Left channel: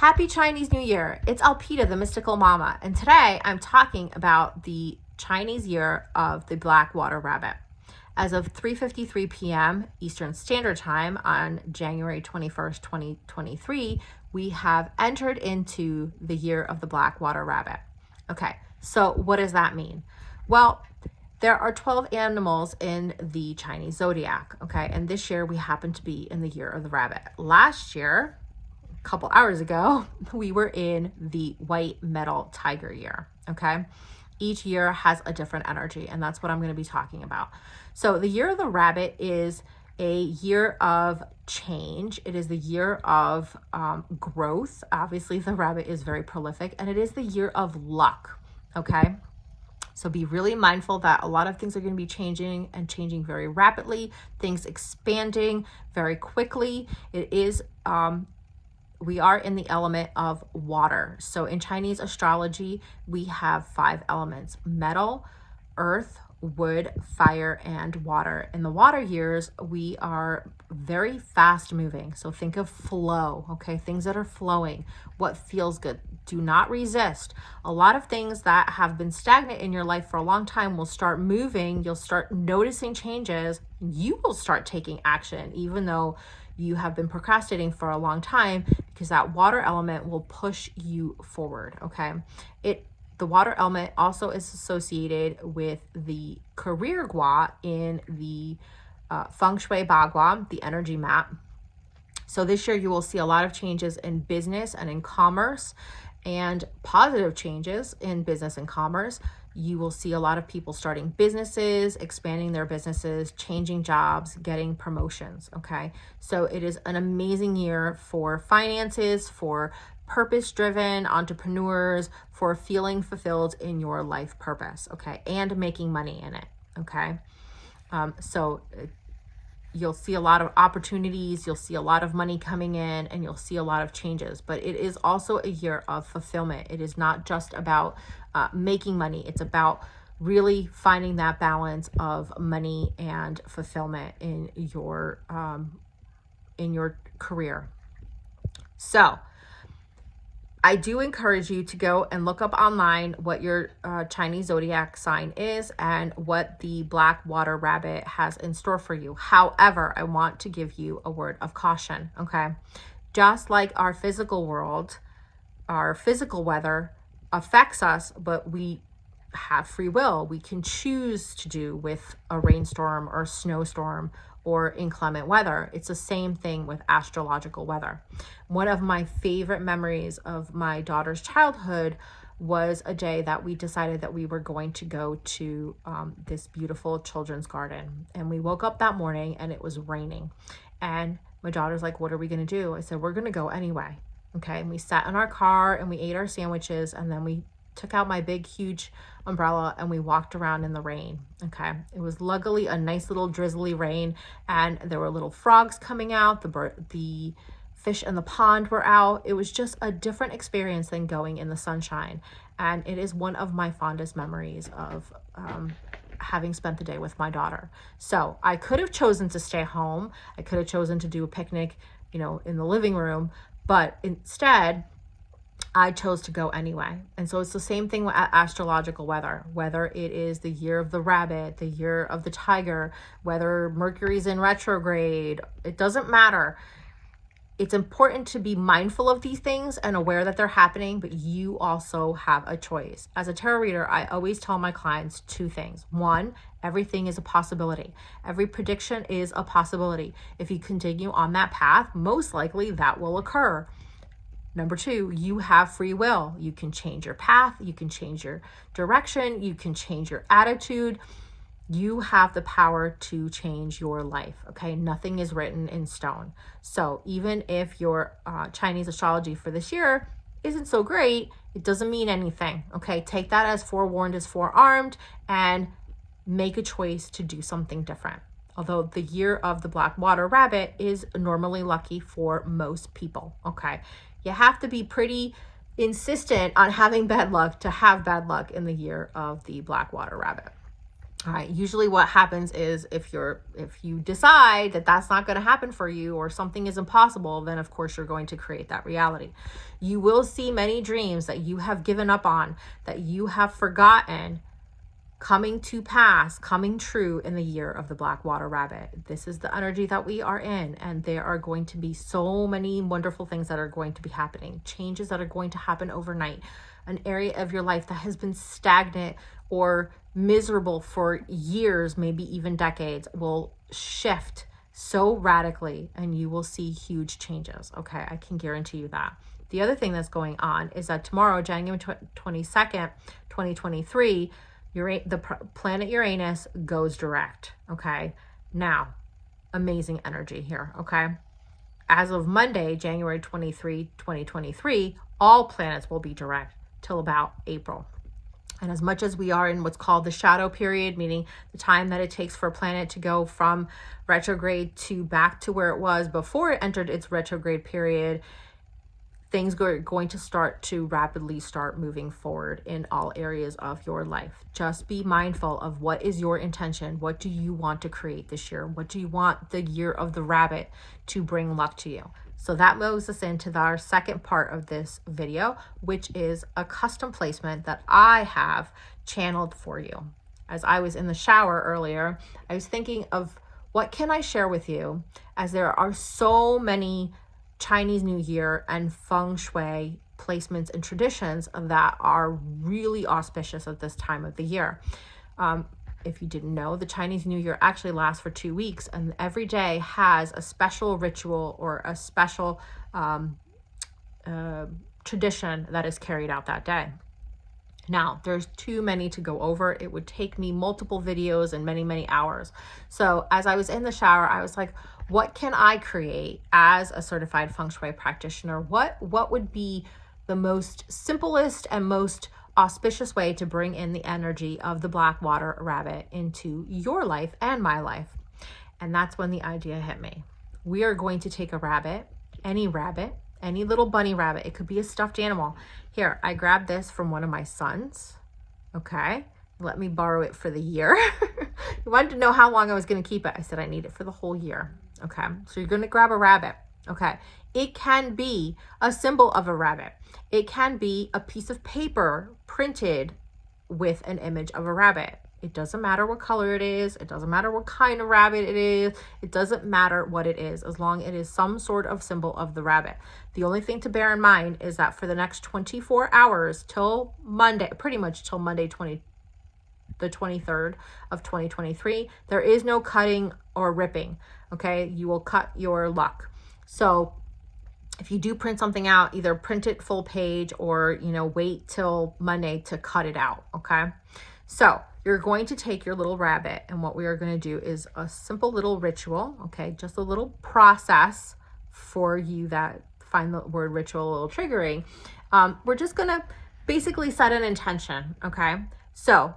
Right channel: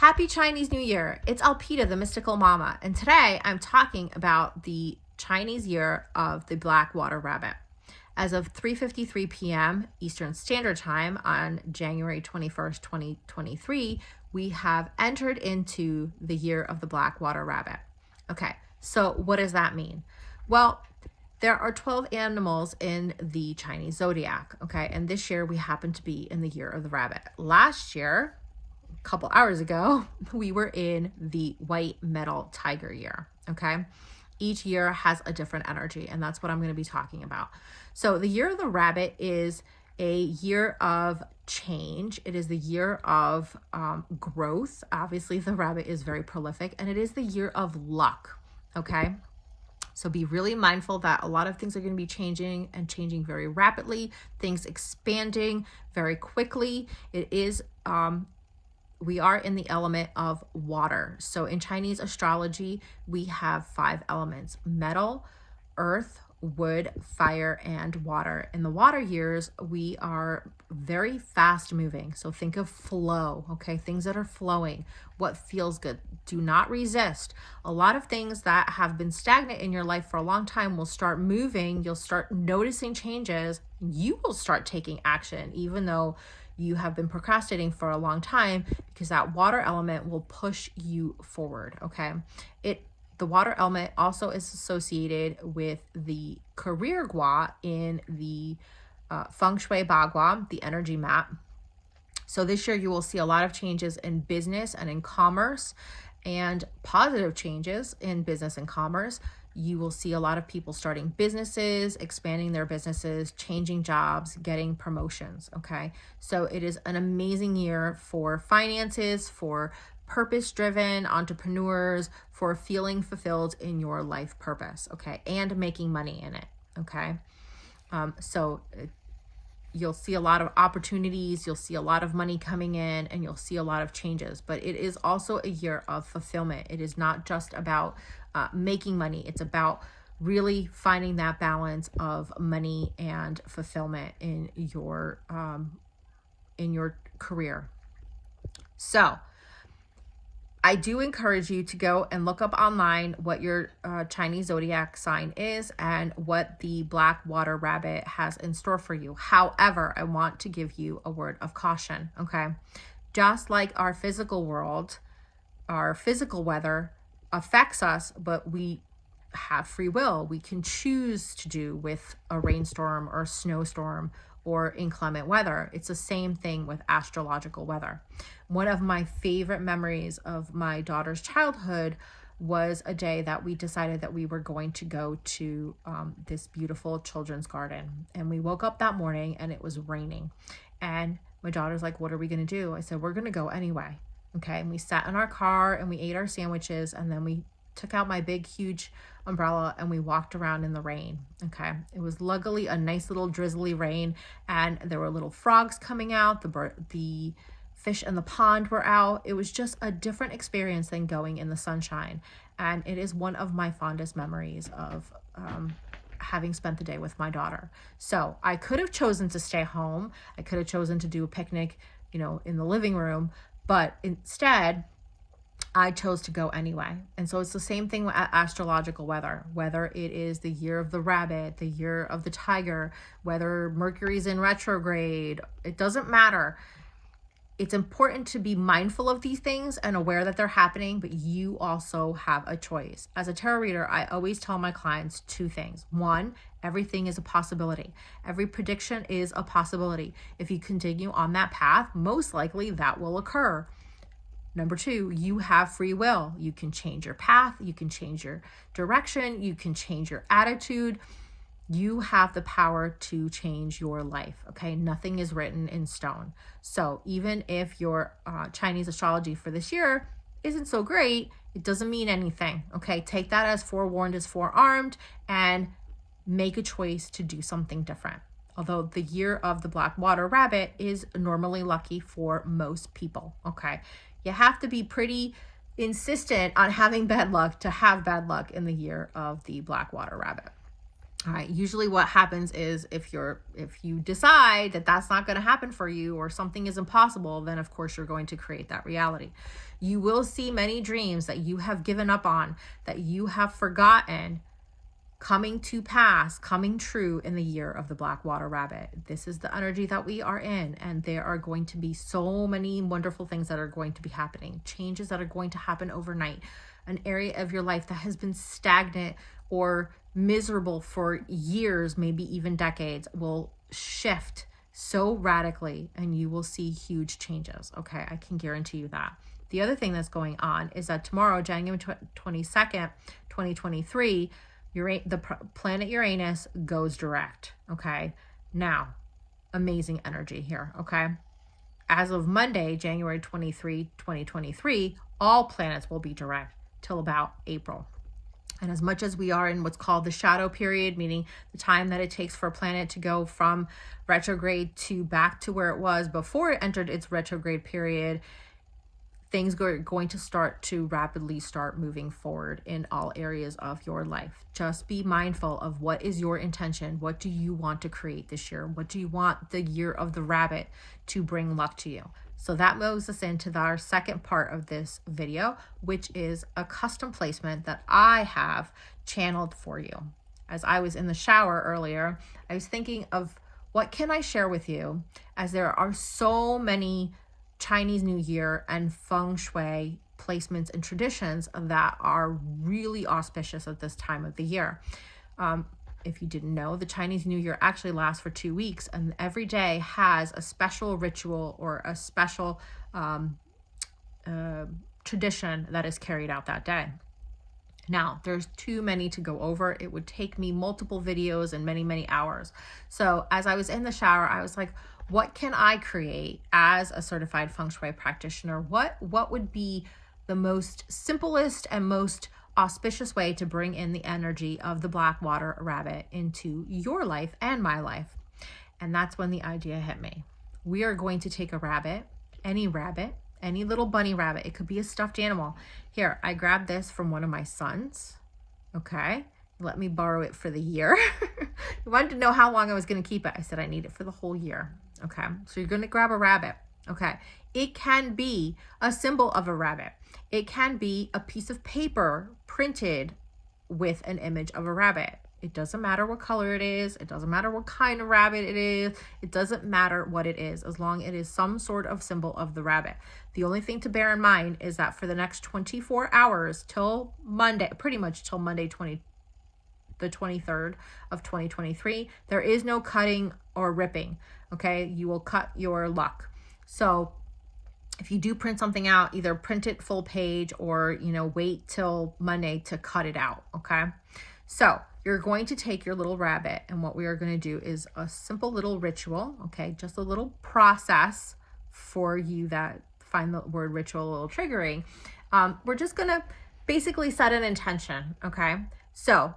Happy Chinese New Year. It's Elpida, the mystical mama, and today I'm talking about the Chinese year of the black water rabbit. As of 3:53 p.m. Eastern Standard Time on January 21st, 2023, we have entered into the year of the black water rabbit. Okay, so what does that mean? Well, there are 12 animals in the Chinese zodiac, okay? And this year we happen to be in the year of the rabbit. Last year, a couple hours ago, we were in the white metal tiger year, okay? Each year has a different energy, and that's what I'm going to be talking about. So the year of the rabbit is a year of change. It is the year of growth. Obviously, the rabbit is very prolific, and it is the year of luck, okay? So be really mindful that a lot of things are going to be changing and changing very rapidly, things expanding very quickly. It is, we are in the element of water. So in Chinese astrology, we have 5 elements: metal, earth, wood, fire, and water. In the water years, we are very fast moving. So think of flow, okay? Things that are flowing, what feels good. Do not resist. A lot of things that have been stagnant in your life for a long time will start moving. You'll start noticing changes. You will start taking action, even though you have been procrastinating for a long time, because that water element will push you forward, okay? The water element also is associated with the career gua in the Feng Shui Bagua, the energy map. So this year you will see a lot of changes in business and in commerce, and positive changes in business and commerce. You will see a lot of people starting businesses, expanding their businesses, changing jobs, getting promotions, okay? So it is an amazing year for finances, for purpose-driven entrepreneurs, for feeling fulfilled in your life purpose, okay? And making money in it, okay? You'll see a lot of opportunities, you'll see a lot of money coming in, and you'll see a lot of changes. But it is also a year of fulfillment. It is not just about making money. It's about really finding that balance of money and fulfillment in your career. So I do encourage you to go and look up online what your Chinese zodiac sign is and what the black water rabbit has in store for you. However, I want to give you a word of caution, okay? Just like our physical world, our physical weather affects us, but we have free will. We can choose to do with a rainstorm or a snowstorm or inclement weather. It's the same thing with astrological weather. One of my favorite memories of my daughter's childhood was a day that we decided that we were going to go to this beautiful children's garden. And we woke up that morning and it was raining. And my daughter's like, what are we going to do? I said, we're going to go anyway. Okay. And we sat in our car and we ate our sandwiches, and then we took out my big, huge umbrella and we walked around in the rain. Okay. It was luckily a nice little drizzly rain, and there were little frogs coming out. The fish in the pond were out. It was just a different experience than going in the sunshine. And it is one of my fondest memories of having spent the day with my daughter. So I could have chosen to stay home. I could have chosen to do a picnic, in the living room, but instead I chose to go anyway. And so it's the same thing with astrological weather, whether it is the year of the rabbit, the year of the tiger, whether Mercury's in retrograde, it doesn't matter. It's important to be mindful of these things and aware that they're happening, but you also have a choice. As a tarot reader, I always tell my clients 2 things. 1, everything is a possibility. Every prediction is a possibility. If you continue on that path, most likely that will occur. Number 2, you have free will. You can change your path. You can change your direction. You can change your attitude. You have the power to change your life, okay? Nothing is written in stone. So even if your Chinese astrology for this year isn't so great, it doesn't mean anything, okay? Take that as forewarned is forearmed and make a choice to do something different. Although the year of the black water rabbit is normally lucky for most people, okay? You have to be pretty insistent on having bad luck to have bad luck in the year of the black water rabbit. All right, usually what happens is if you decide that that's not going to happen for you or something is impossible, then of course you're going to create that reality. You will see many dreams that you have given up on, that you have forgotten, coming to pass, coming true in the year of the Black Water Rabbit. This is the energy that we are in, and there are going to be so many wonderful things that are going to be happening, changes that are going to happen overnight. An area of your life that has been stagnant or miserable for years, maybe even decades, will shift so radically, and you will see huge changes. Okay, I can guarantee you that. The other thing that's going on is that tomorrow, January 22nd, 2023, the planet Uranus goes direct. Okay, now, amazing energy here. Okay, as of Monday, January 23, 2023, all planets will be direct till about April. And as much as we are in what's called the shadow period, meaning the time that it takes for a planet to go from retrograde to back to where it was before it entered its retrograde period, things are going to start to rapidly start moving forward in all areas of your life. Just be mindful of what is your intention. What do you want to create this year? What do you want the year of the rabbit to bring luck to you? So that moves us into our second part of this video, which is a custom placement that I have channeled for you. As I was in the shower earlier, I was thinking of what can I share with you, as there are so many Chinese New Year and Feng Shui placements and traditions that are really auspicious at this time of the year. If you didn't know, the Chinese New Year actually lasts for 2 weeks, and every day has a special ritual or a special tradition that is carried out that day. Now, there's too many to go over. It would take me multiple videos and many, many hours. So as I was in the shower, I was like, what can I create as a certified Feng Shui practitioner? What would be the most simplest and most auspicious way to bring in the energy of the Black Water Rabbit into your life and my life? And that's when the idea hit me. We are going to take a rabbit, any little bunny rabbit. It could be a stuffed animal. Here, I grabbed this from one of my sons. Okay, let me borrow it for the year. He wanted to know how long I was going to keep it. I said I need it for the whole year. Okay, so you're going to grab a rabbit. Okay, it can be a symbol of a rabbit. It can be a piece of paper printed with an image of a rabbit. It doesn't matter what color it is. It doesn't matter what kind of rabbit it is. It doesn't matter what it is, as long as it is some sort of symbol of the rabbit. The only thing to bear in mind is that for the next 24 hours till Monday, pretty much till Monday the 23rd of 2023, there is no cutting or ripping. Okay, you will cut your luck. So if you do print something out, either print it full page or, wait till Monday to cut it out. Okay, so you're going to take your little rabbit, and what we are going to do is a simple little ritual. Okay, just a little process for you that find the word ritual a little triggering. We're just going to basically set an intention. Okay, so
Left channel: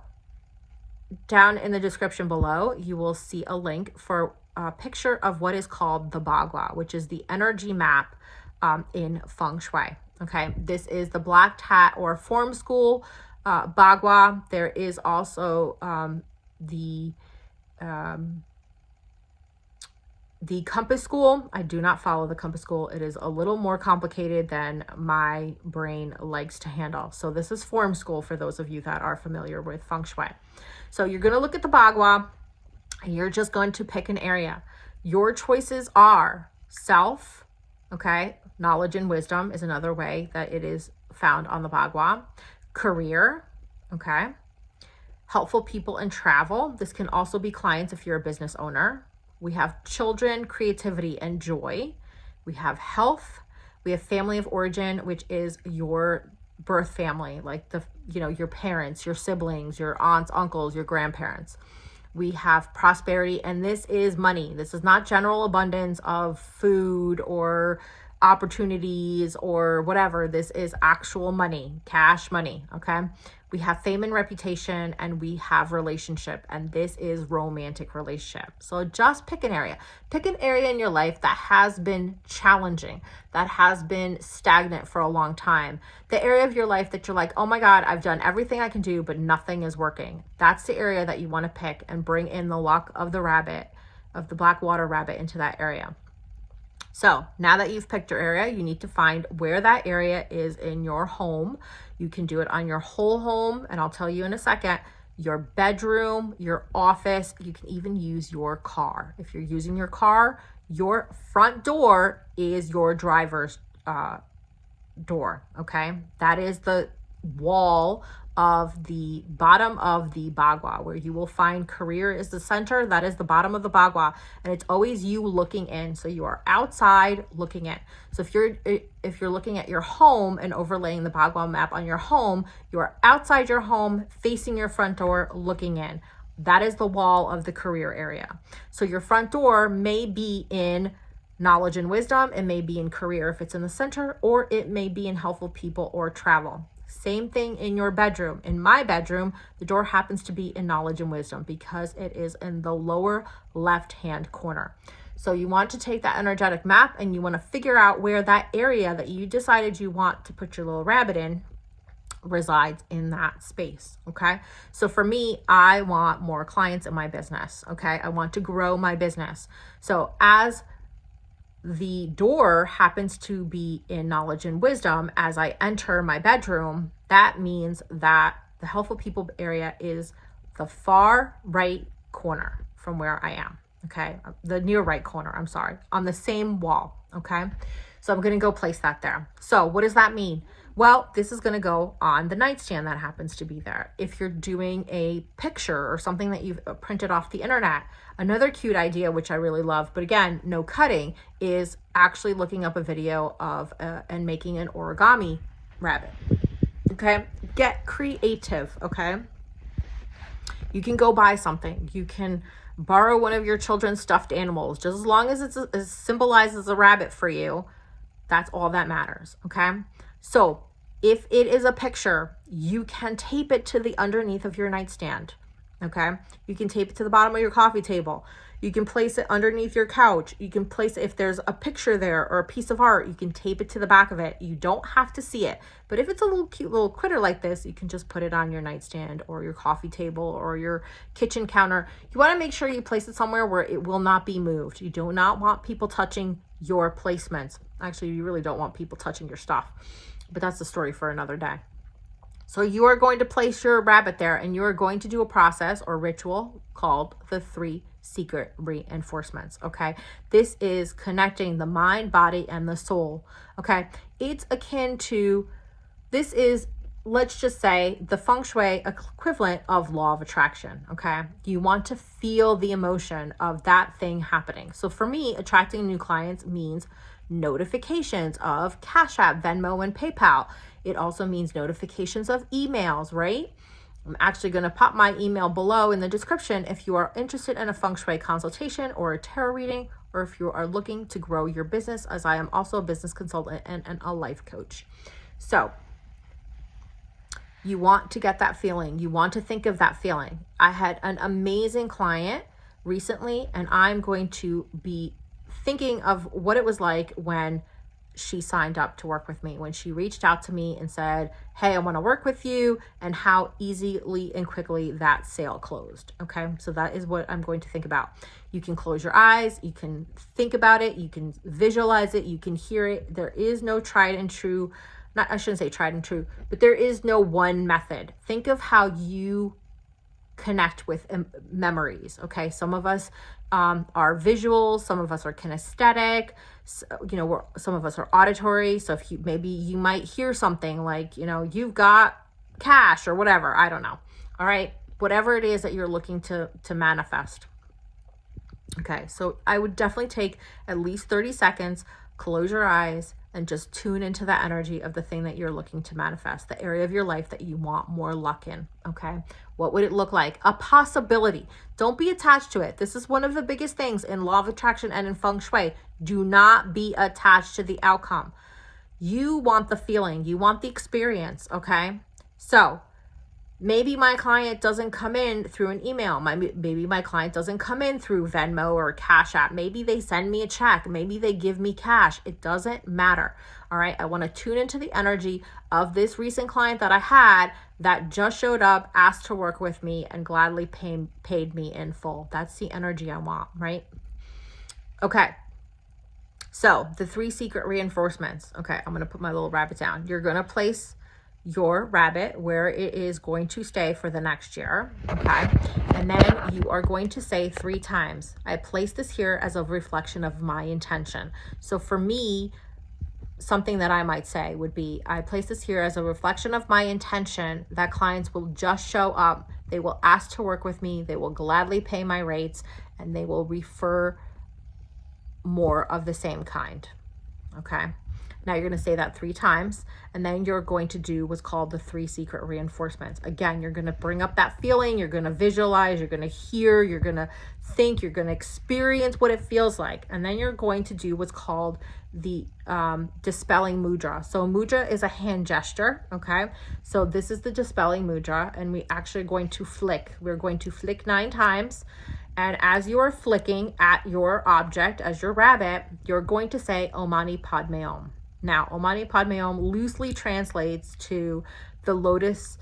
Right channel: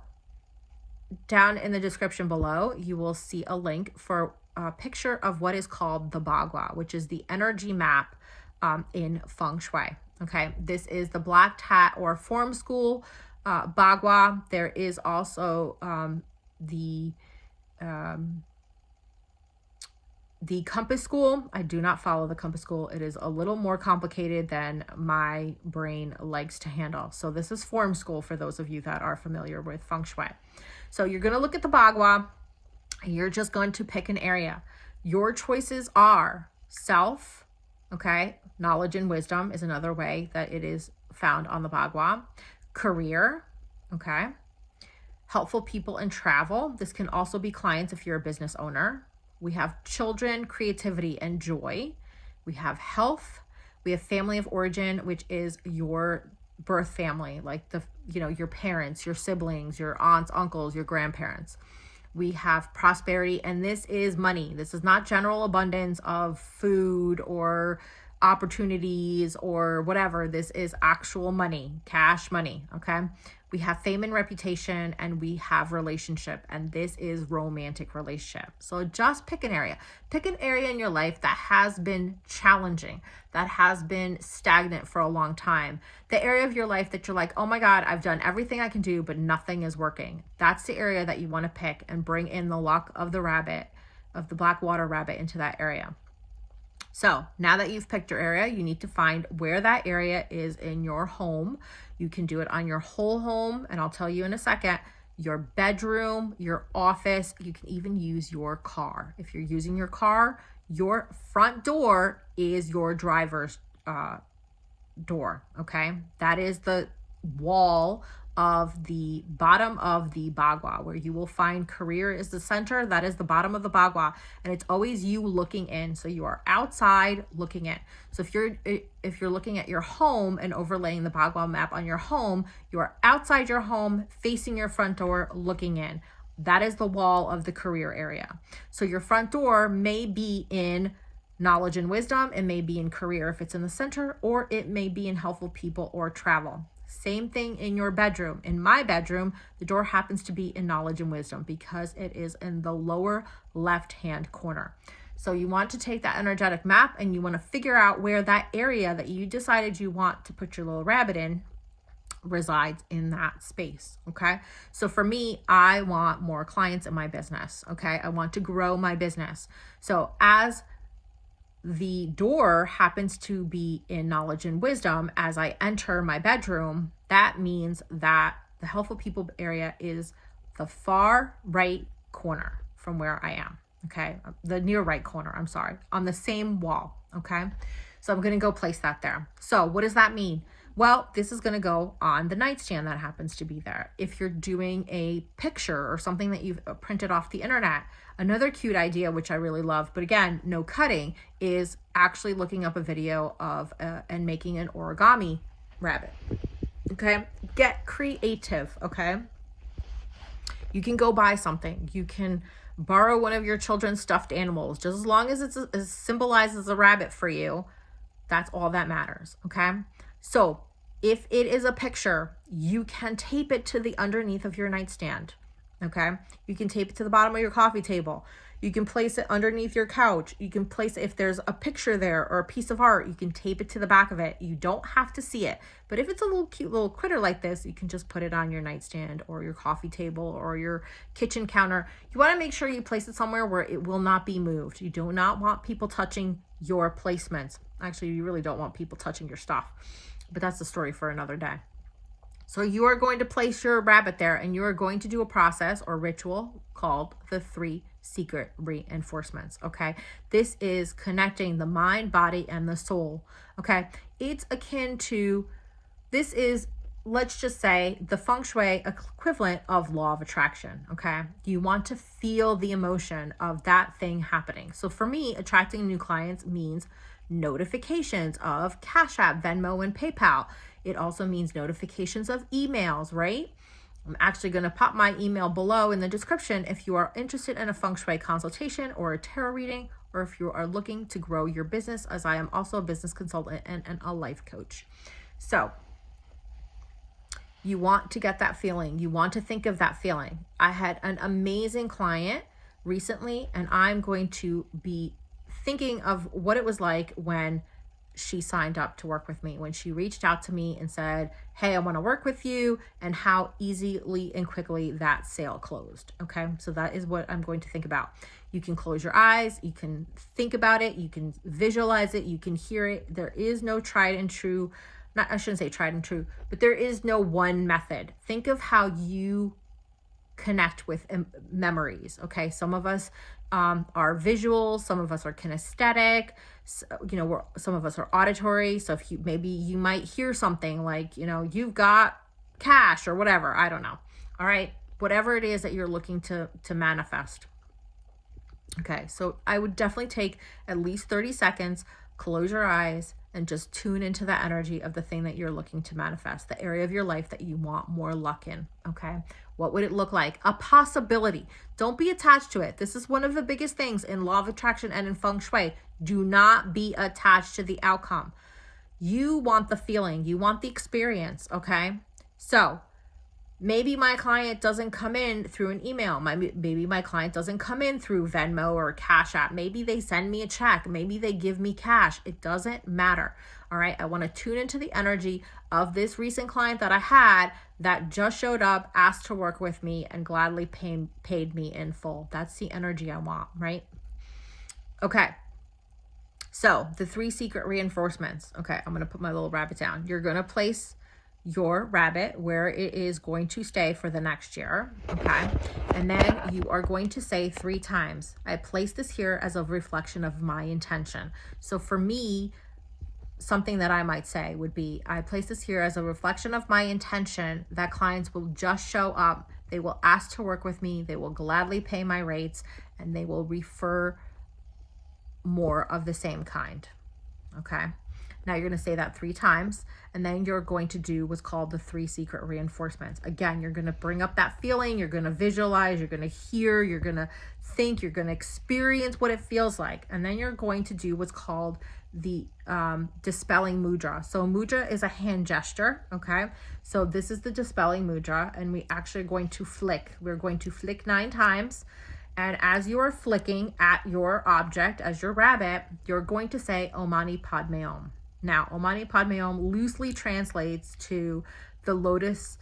down in the description below, you will see a link for a picture of what is called the Bagua, which is the energy map in Feng Shui. Okay, this is the Black Hat or Form School Bagua. There is also the Compass School. I do not follow the Compass School. It is a little more complicated than my brain likes to handle. So this is Form School for those of you that are familiar with Feng Shui. So you're going to look at the Bagua. You're just going to pick an area. Your choices are self, okay? Knowledge and wisdom is another way that it is found on the Bagua. Career, okay? Helpful people and travel. This can also be clients if you're a business owner. We have children, creativity, and joy. We have health. We have family of origin, which is your birth family, like your parents, your siblings, your aunts, uncles, your grandparents. We have prosperity, and this is money. This is not general abundance of food or opportunities or whatever. This is actual money, cash money, okay? We have fame and reputation, and we have relationship, and this is romantic relationship. So just pick an area. Pick an area in your life that has been challenging, that has been stagnant for a long time. The area of your life that you're like, oh my God, I've done everything I can do, but nothing is working. That's the area that you want to pick and bring in the luck of the rabbit, of the black water rabbit, into that area. So now that you've picked your area, you need to find where that area is in your home. You can do it on your whole home, and I'll tell you in a second, your bedroom, your office. You can even use your car. If you're using your car, your front door is your driver's door, okay? That is the wall of the bottom of the bagua, where you will find career is the center. That is the bottom of the bagua, and it's always you looking in. So you are outside looking in. So if you're looking at your home and overlaying the bagua map on your home, you are outside your home, facing your front door, looking in. That is the wall of the career area. So your front door may be in knowledge and wisdom. It may be in career if it's in the center, or it may be in helpful people or travel. Same thing in your bedroom. In my bedroom, the door happens to be in knowledge and wisdom because it is in the lower left-hand corner. So you want to take that energetic map and you want to figure out where that area that you decided you want to put your little rabbit in resides in that space, okay? So for me, I want more clients in my business, okay? I want to grow my business. So as the door happens to be in knowledge and wisdom as I enter my bedroom, that means that the helpful people area is the far right corner from where I am, okay? The near right corner, I'm sorry, on the same wall, okay? So I'm gonna go place that there. So what does that mean? Well, this is gonna go on the nightstand that happens to be there. If you're doing a picture or something that you've printed off the internet, another cute idea, which I really love, but again, no cutting, is actually looking up a video of and making an origami rabbit, okay? Get creative, okay? You can go buy something. You can borrow one of your children's stuffed animals. Just as long as it symbolizes a rabbit for you, that's all that matters, okay? So if it is a picture, you can tape it to the underneath of your nightstand, okay? You can tape it to the bottom of your coffee table. You can place it underneath your couch. You can place it, if there's a picture there or a piece of art, you can tape it to the back of it. You don't have to see it. But if it's a little cute little critter like this, you can just put it on your nightstand or your coffee table or your kitchen counter. You want to make sure you place it somewhere where it will not be moved. You do not want people touching your placements. Actually, you really don't want people touching your stuff, but that's a story for another day. So you are going to place your rabbit there, and you are going to do a process or ritual called the 3 secret reinforcements, okay? This is connecting the mind, body, and the soul, okay? It's akin to, this is, let's just say, the Feng Shui equivalent of law of attraction, okay? You want to feel the emotion of that thing happening. So for me, attracting new clients means notifications of Cash App, Venmo, and PayPal. It also means notifications of emails, right? I'm actually going to pop my email below in the description if you are interested in a Feng Shui consultation or a tarot reading, or if you are looking to grow your business, as I am also a business consultant and a life coach. So you want to get that feeling. You want to think of that feeling. I had an amazing client recently, and I'm going to be thinking of what it was like when she signed up to work with me, when she reached out to me and said, hey, I want to work with you, and how easily and quickly that sale closed. Okay, so that is what I'm going to think about. You can close your eyes, you can think about it, you can visualize it, you can hear it. There is no tried and true, I shouldn't say tried and true, but there is no one method. Think of how you connect with memories, okay? Some of us are visual, some of us are kinesthetic, so, you know, some of us are auditory. So if maybe you might hear something like, you know, you've got cash or whatever, I don't know. All right, whatever it is that you're looking to manifest. Okay, so I would definitely take at least 30 seconds, close your eyes, and just tune into the energy of the thing that you're looking to manifest, the area of your life that you want more luck in, okay? What would it look like? A possibility. Don't be attached to it. This is one of the biggest things in law of attraction and in Feng Shui. Do not be attached to the outcome. You want the feeling. You want the experience, okay? So maybe my client doesn't come in through an email. Maybe my client doesn't come in through Venmo or Cash App. Maybe they send me a check. Maybe they give me cash. It doesn't matter. All right. I want to tune into the energy of this recent client that I had that just showed up, asked to work with me, and gladly paid me in full. That's the energy I want, right? Okay. So the 3 secret reinforcements. Okay. I'm going to put my little rabbit down. You're going to place your rabbit where it is going to stay for the next year, okay? And then you are going to say 3 times, I place this here as a reflection of my intention. So for me, something that I might say would be, I place this here as a reflection of my intention that clients will just show up, they will ask to work with me, they will gladly pay my rates, and they will refer more of the same kind, okay? Now you're going to say that 3 times, and then you're going to do what's called the 3 secret reinforcements. Again, you're going to bring up that feeling, you're going to visualize, you're going to hear, you're going to think, you're going to experience what it feels like. And then you're going to do what's called the dispelling mudra. So mudra is a hand gesture, okay? So this is the dispelling mudra, and we actually are going to flick. We're going to flick 9 times. And as you are flicking at your object, as your rabbit, you're going to say Om Mani Padme Om. Now, Om Mani Padme Om loosely translates to the lotus,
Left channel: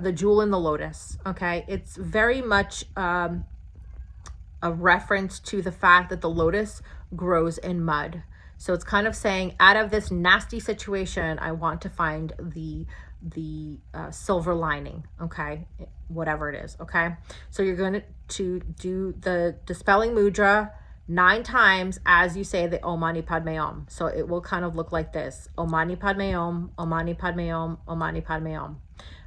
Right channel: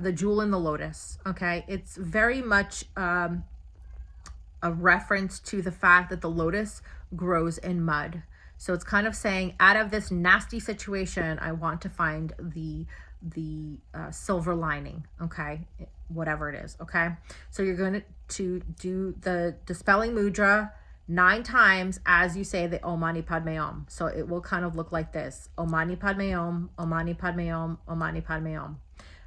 the jewel in the lotus, okay? It's very much a reference to the fact that the lotus grows in mud. So it's kind of saying, out of this nasty situation, I want to find the silver lining, okay? Whatever it is, okay? So you're going to do the dispelling mudra 9 times as you say the Om Mani Padme Om. So it will kind of look like this. Om Mani Padme Om, Om Mani Padme Om, Om Mani Padme Om.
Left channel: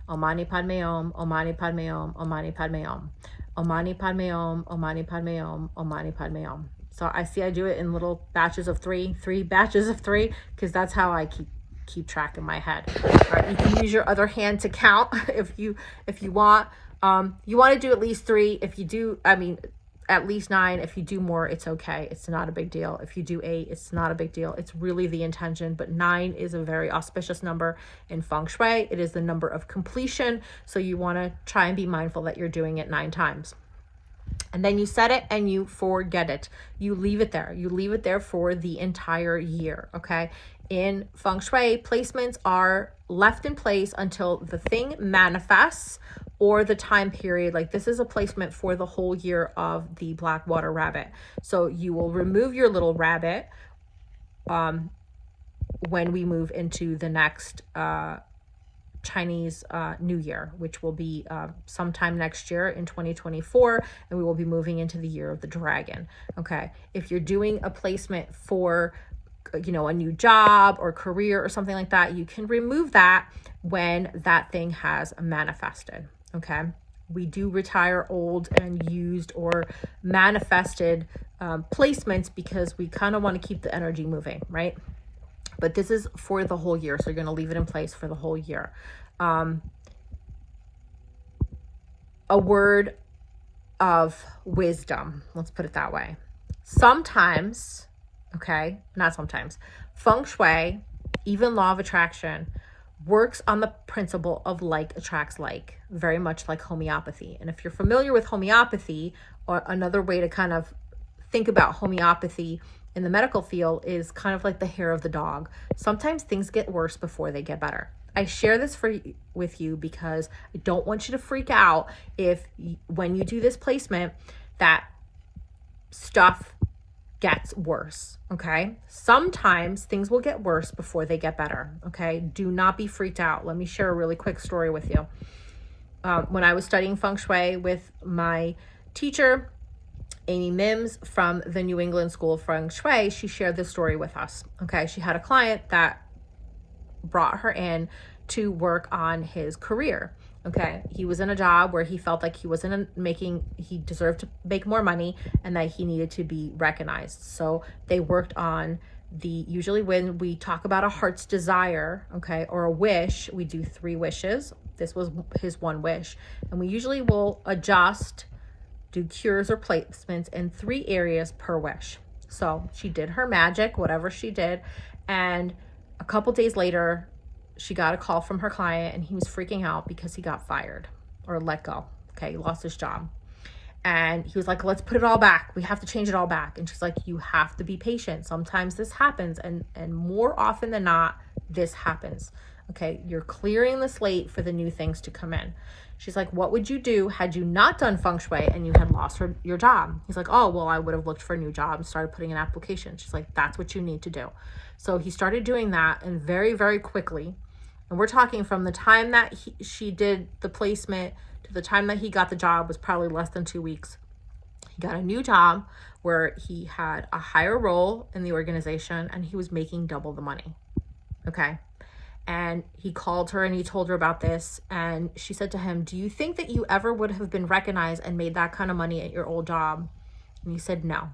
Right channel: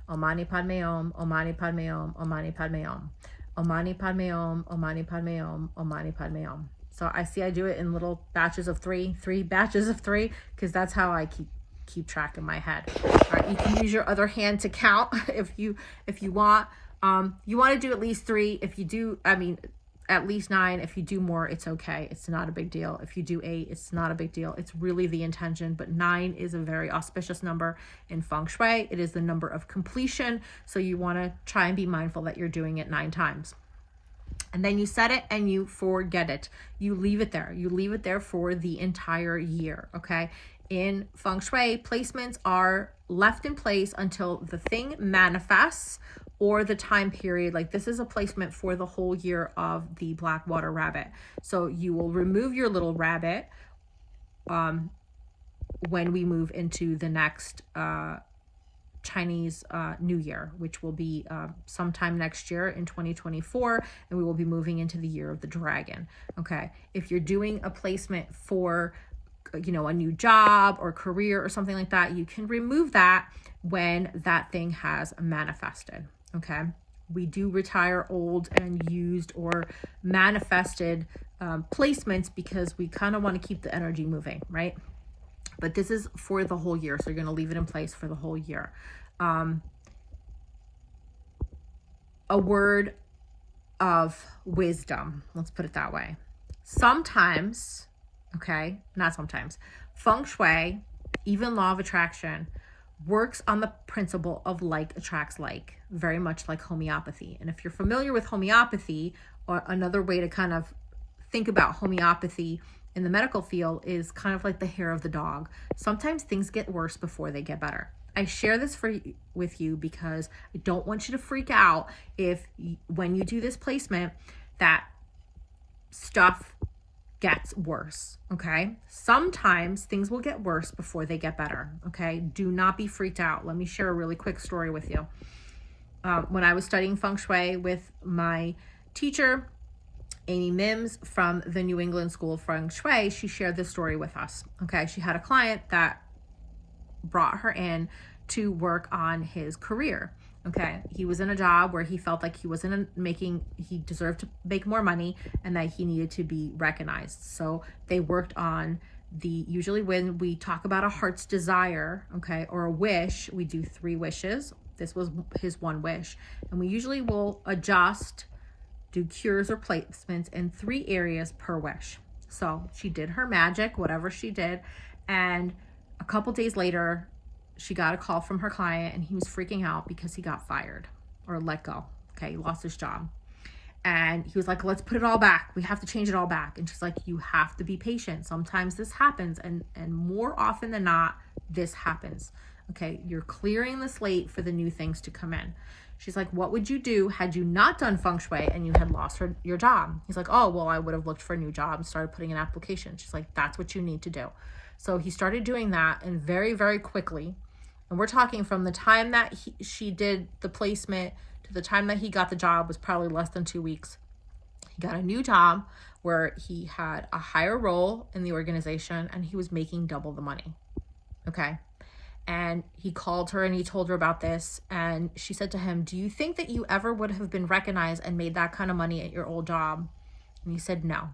Om Mani Padme Om, Om Mani Padme Om, Om Mani Padme Om. Om Mani Padme Om, Om Mani Padme Om, Om Mani Padme Om. So I do it in little batches of 3 batches of 3, because that's how I keep track in my head. You can use your other hand to count if you want. You want to do at least 3. If you do, at least 9. If you do more, it's okay. It's not a big deal. If you do 8, it's not a big deal. It's really the intention, but 9 is a very auspicious number in Feng Shui. It is the number of completion. So you want to try and be mindful that you're doing it 9 times. And then you set it and you forget it. You leave it there. You leave it there for the entire year, okay? In Feng Shui, placements are left in place until the thing manifests or the time period. Like this is a placement for the whole year of the black water rabbit. So you will remove your little rabbit when we move into the next Chinese New Year, which will be sometime next year in 2024, and we will be moving into the year of the dragon. Okay, if you're doing a placement for a new job or career or something like that, you can remove that when that thing has manifested. Okay, we do retire old and used or manifested placements because we kind of want to keep the energy moving, right? But this is for the whole year, so you're going to leave it in place for the whole year. A word of wisdom, let's put it that way. Sometimes, okay, not sometimes, Feng Shui, even law of attraction, works on the principle of like attracts like, very much like homeopathy. And if you're familiar with homeopathy, or another way to kind of think about homeopathy in the medical field is kind of like the hair of the dog. Sometimes things get worse before they get better. I share this with you because I don't want you to freak out if when you do this placement that stuff gets worse, okay? Sometimes things will get worse before they get better, okay? Do not be freaked out. Let me share a really quick story with you. When I was studying Feng Shui with my teacher, Amy Mims from the New England School of Feng Shui, she shared this story with us. Okay, she had a client that brought her in to work on his career. Okay, he was in a job where he felt like he deserved to make more money and that he needed to be recognized. So they worked on Usually when we talk about a heart's desire, okay, or a wish, we do 3 wishes. This was his 1 wish. And we usually will adjust, do cures or placements in 3 areas per wish. So she did her magic, whatever she did. And a couple days later, she got a call from her client and he was freaking out because he got fired or let go. Okay, he lost his job. And he was like, let's put it all back. We have to change it all back. And she's like, you have to be patient. Sometimes this happens. And more often than not, this happens. Okay, you're clearing the slate for the new things to come in. She's like, what would you do had you not done Feng Shui and you had lost your job? He's like, oh, well, I would have looked for a new job and started putting in applications. She's like, that's what you need to do. So he started doing that, and very, very quickly. And we're talking from the time that she did the placement to the time that he got the job was probably less than 2 weeks. He got a new job where he had a higher role in the organization and he was making double the money. Okay. And he called her and he told her about this. And she said to him, do you think that you ever would have been recognized and made that kind of money at your old job? And he said, no.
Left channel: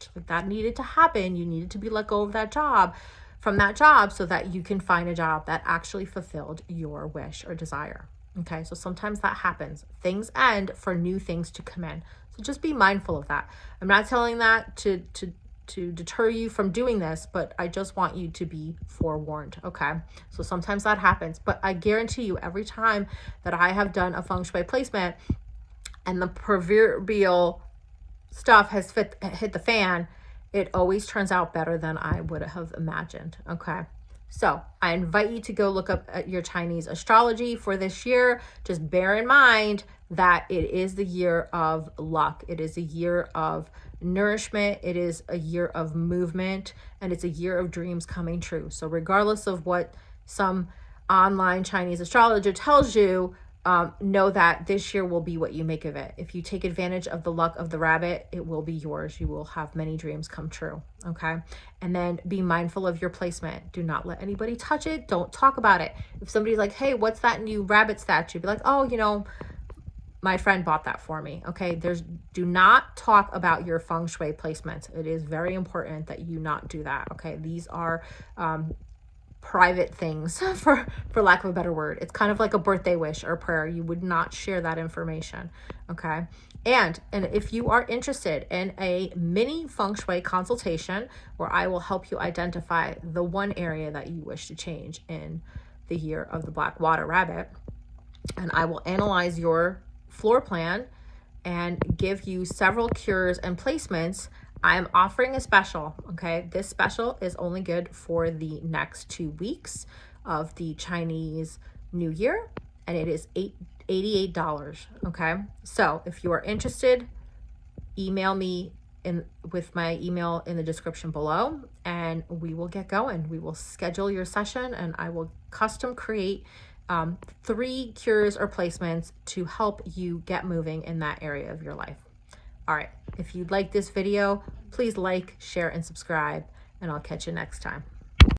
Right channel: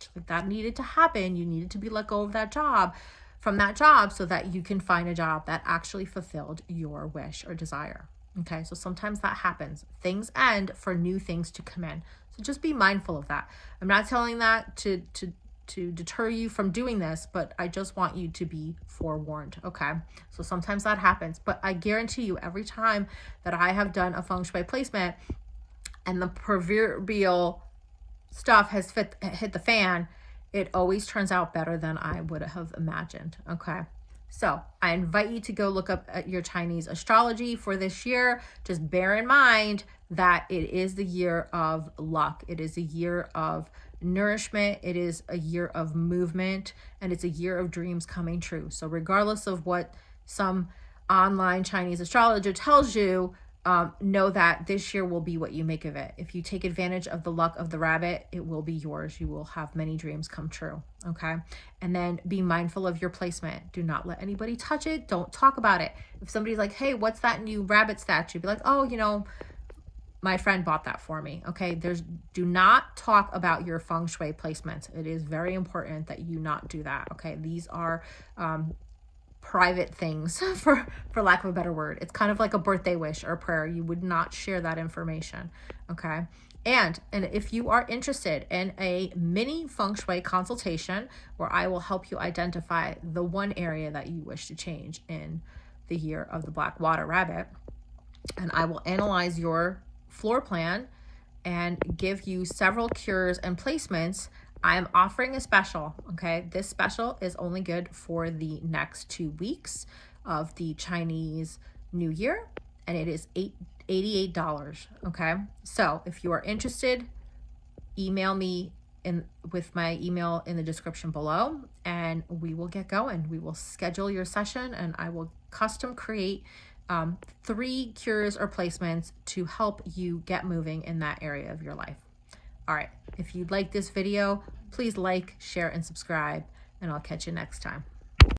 She's like, that needed to happen. You needed to be let go of that job, from that job, so that you can find a job that actually fulfilled your wish or desire. Okay, so sometimes that happens. Things end for new things to come in. So just be mindful of that. I'm not telling that to deter you from doing this, but I just want you to be forewarned. Okay, so sometimes that happens, but I guarantee you, every time that I have done a Feng Shui placement and the proverbial stuff has hit the fan, it always turns out better than I would have imagined. Okay. So I invite you to go look up at your Chinese astrology for this year. Just bear in mind that it is the year of luck. It is a year of nourishment. It is a year of movement, and it's a year of dreams coming true. So regardless of what some online Chinese astrologer tells you, know that this year will be what you make of it. If you take advantage of the luck of the rabbit, it will be yours. You will have many dreams come true. Okay. And then be mindful of your placement. Do not let anybody touch it. Don't talk about it. If somebody's like, hey, what's that new rabbit statue? Be like, oh, you know, my friend bought that for me. Okay. Do not talk about your Feng Shui placements. It is very important that you not do that. Okay. These are, private things, for lack of a better word. It's kind of like a birthday wish or prayer. You would not share that information. Okay. And if you are interested in a mini Feng Shui consultation where I will help you identify the one area that you wish to change in the year of the Black Water Rabbit, and I will analyze your floor plan and give you several cures and placements, I am offering a special. Okay, this special is only good for the next 2 weeks of the Chinese New Year, and it is $88. Okay, so if you are interested, email me with my email in the description below, and we will get going. We will schedule your session, and I will custom create 3 cures or placements to help you get moving in that area of your life. All right, if you like this video, please like, share, and subscribe, and I'll catch you next time.